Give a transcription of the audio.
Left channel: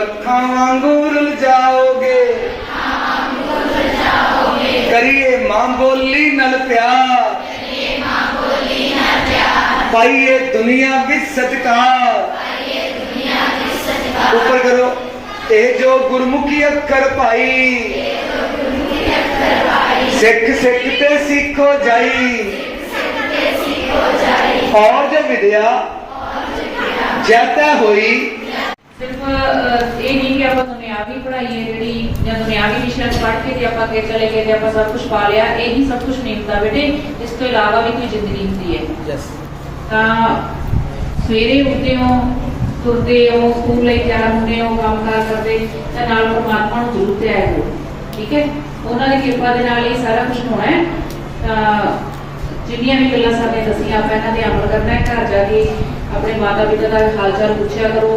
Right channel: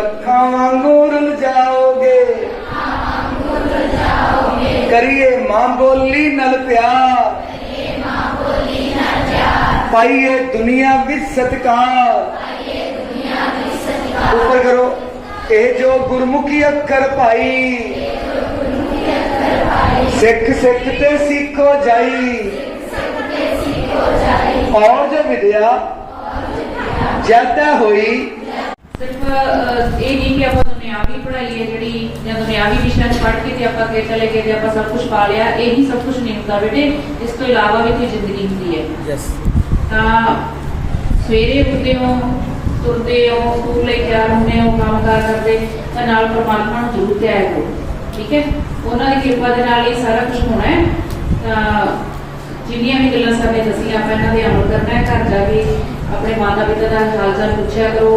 ਅੱਖਾਂ ਵਾਂਗੂ ਰੁਲ ਜਾਓਗੇ। ਕਰੀਏ ਮਾਂ ਬੋਲੀ ਨਾਲ ਪਿਆਰ। ਪਾਈਏ ਦੁਨੀਆ ਵਿੱਚ ਸਤਕਾਰ। ਉੱਪਰ ਕਰੋ, ਇਹ ਜੋ ਗੁਰਮੁਖੀ ਅੱਖਰ ਪਾਈ, ਸਿੱਖ ਸਿੱਖ ਤੇ ਸਿੱਖੋ ਜਾਈ। ਔਰ ਜੋ ਵਿਦਿਆ ਜੈਤਾ ਹੋਈ। ਸਿਰਫ ਇਹ ਨਹੀਂ ਕਿ ਆਪਾਂ ਦੁਨਿਆਵੀ ਪੜ੍ਹਾਈ ਹੈ ਜਿਹੜੀ ਜਾਂ ਦੁਨਿਆਵੀ ਵਿਸ਼ਿਆਂ 'ਚ ਪੜ੍ਹ ਕੇ ਤੇ ਆਪਾਂ ਅੱਗੇ ਚਲੇ ਗਏ ਤੇ ਆਪਾਂ ਸਭ ਕੁਝ ਪਾ ਲਿਆ ਇਹੀ ਸਭ ਕੁਝ ਨਹੀਂ ਹੁੰਦਾ ਬੇਟੇ। ਇਸ ਤੋਂ ਇਲਾਵਾ ਵੀ ਕੋਈ ਜ਼ਿੰਦਗੀ ਹੁੰਦੀ ਹੈ। ਯੈਸ ਤਾਂ ਸਵੇਰੇ ਉੱਠਦੇ ਹੋ ਤੁਰਦੇ ਹੋ ਸਕੂਲ ਲਈ ਤਿਆਰ ਹੁੰਦੇ ਹੋ ਕੰਮਕਾਰ ਕਰਦੇ ਤਾਂ ਨਾਲ ਪਰਮਾਤਮਾ ਨੂੰ ਜ਼ਰੂਰ ਧਿਆਇਆ ਕਰੋ। ਠੀਕ ਹੈ? ਉਹਨਾਂ ਦੀ ਕਿਰਪਾ ਦੇ ਨਾਲ ਇਹ ਸਾਰਾ ਕੁਝ ਹੋਣਾ ਹੈ। ਤਾਂ ਜਿੰਨੀਆਂ ਵੀ ਗੱਲਾਂ ਸਾਨੇ ਦੱਸੀਆਂ ਆਪਾਂ ਇਹਨਾਂ ਦੇ ਅਮਲ ਕਰਨਾ ਹੈ। ਘਰ ਜਾ ਕੇ ਆਪਣੇ ਮਾਤਾ ਪਿਤਾ ਦਾ ਹਾਲ ਚਾਲ ਪੁੱਛਿਆ ਕਰੋ।